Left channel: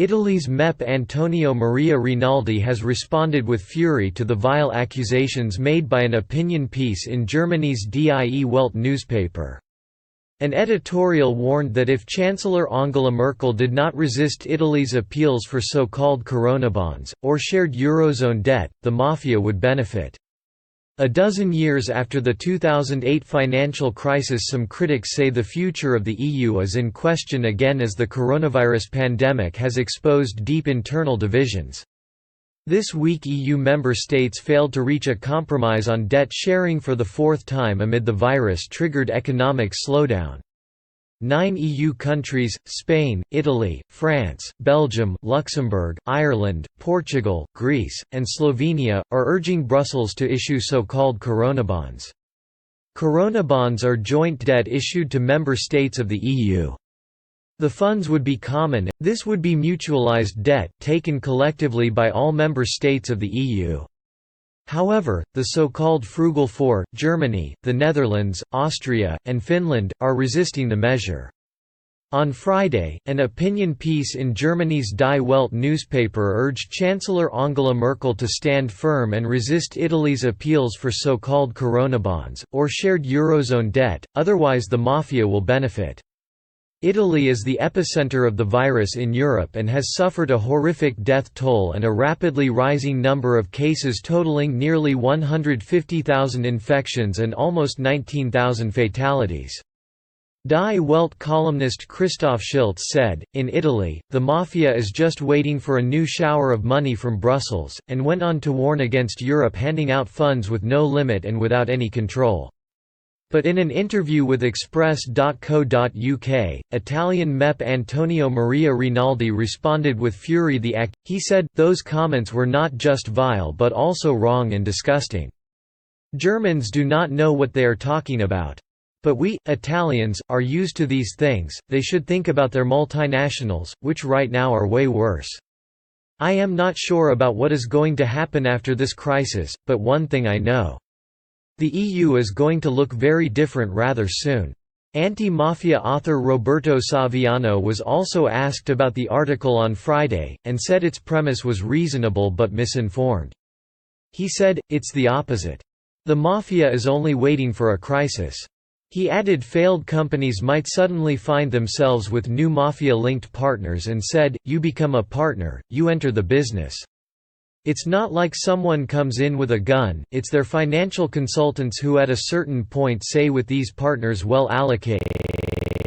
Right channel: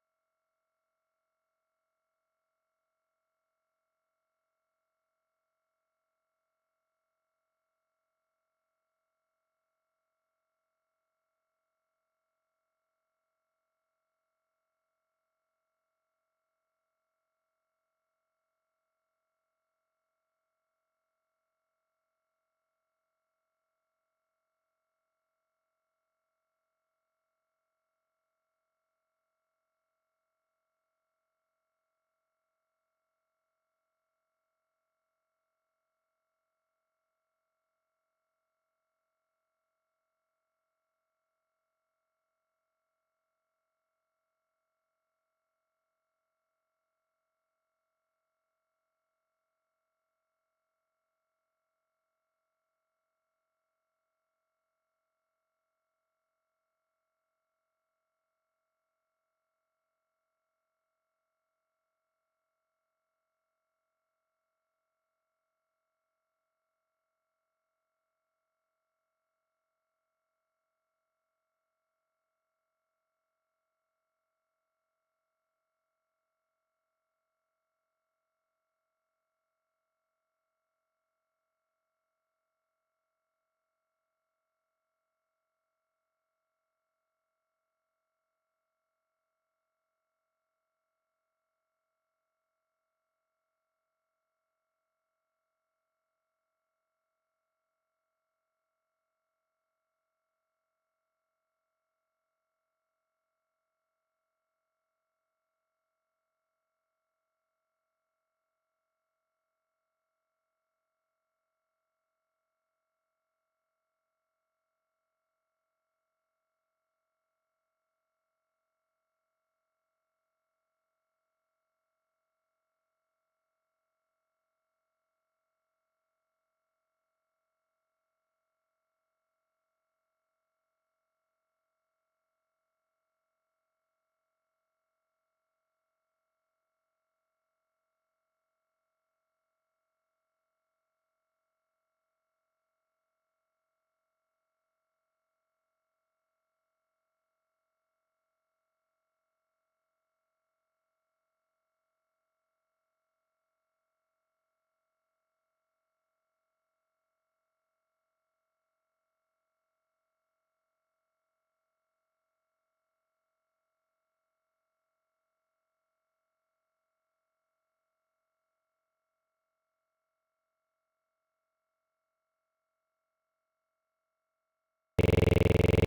Italy's MEP Antonio Maria Rinaldi has responded with fury to the vile accusations made by an opinion piece in Germany's die newspaper. An editorial warned that if Chancellor Angela Merkel did not resist Italy's appeals for so-called corona bonds, or shared Eurozone debt, the mafia would benefit. A dozen years after the 2008 financial crisis, some critics say the future of the EU is in question again as the coronavirus pandemic has exposed deep internal divisions. This week EU member states failed to reach a compromise on debt sharing for the fourth time amid the virus-triggered economic slowdown. 9 EU countries – Spain, Italy, France, Belgium, Luxembourg, Ireland, Portugal, Greece, and Slovenia – are urging Brussels to issue so-called corona bonds. Corona bonds are joint debt issued to member states of the EU. The funds would be common. This would be mutualized debt taken collectively by all member states of the EU. However, the so-called Frugal Four – Germany, the Netherlands, Austria, and Finland – are resisting the measure. On Friday, an opinion piece in Germany's Die Welt newspaper urged Chancellor Angela Merkel to stand firm and resist Italy's appeals for so-called corona bonds, or shared Eurozone debt, otherwise the mafia will benefit. Italy is the epicenter of the virus in Europe and has suffered a horrific death toll and a rapidly rising number of cases totaling nearly 150,000 infections and almost 19,000 fatalities. Die Welt columnist Christoph Schiltz said, "In Italy, the mafia is just waiting for a new shower of money from Brussels," and went on to warn against Europe handing out funds with no limit and without any control. But in an interview with Express.co.uk, Italian MEP Antonio Maria Rinaldi responded with fury the act. He said, "Those comments were not just vile but also wrong and disgusting. Germans do not know what they are talking about. But we, Italians, are used to these things. They should think about their multinationals, which right now are way worse. I am not sure about what is going to happen after this crisis, but one thing I know. The EU is going to look very different rather soon." Anti-mafia author Roberto Saviano was also asked about the article on Friday, and said its premise was reasonable but misinformed. He said, "It's the opposite. The mafia is only waiting for a crisis." He added failed companies might suddenly find themselves with new mafia-linked partners and said, "You become a partner, you enter the business. It's not like someone comes in with a gun, it's their financial consultants who at a certain point say with these partners well allocated."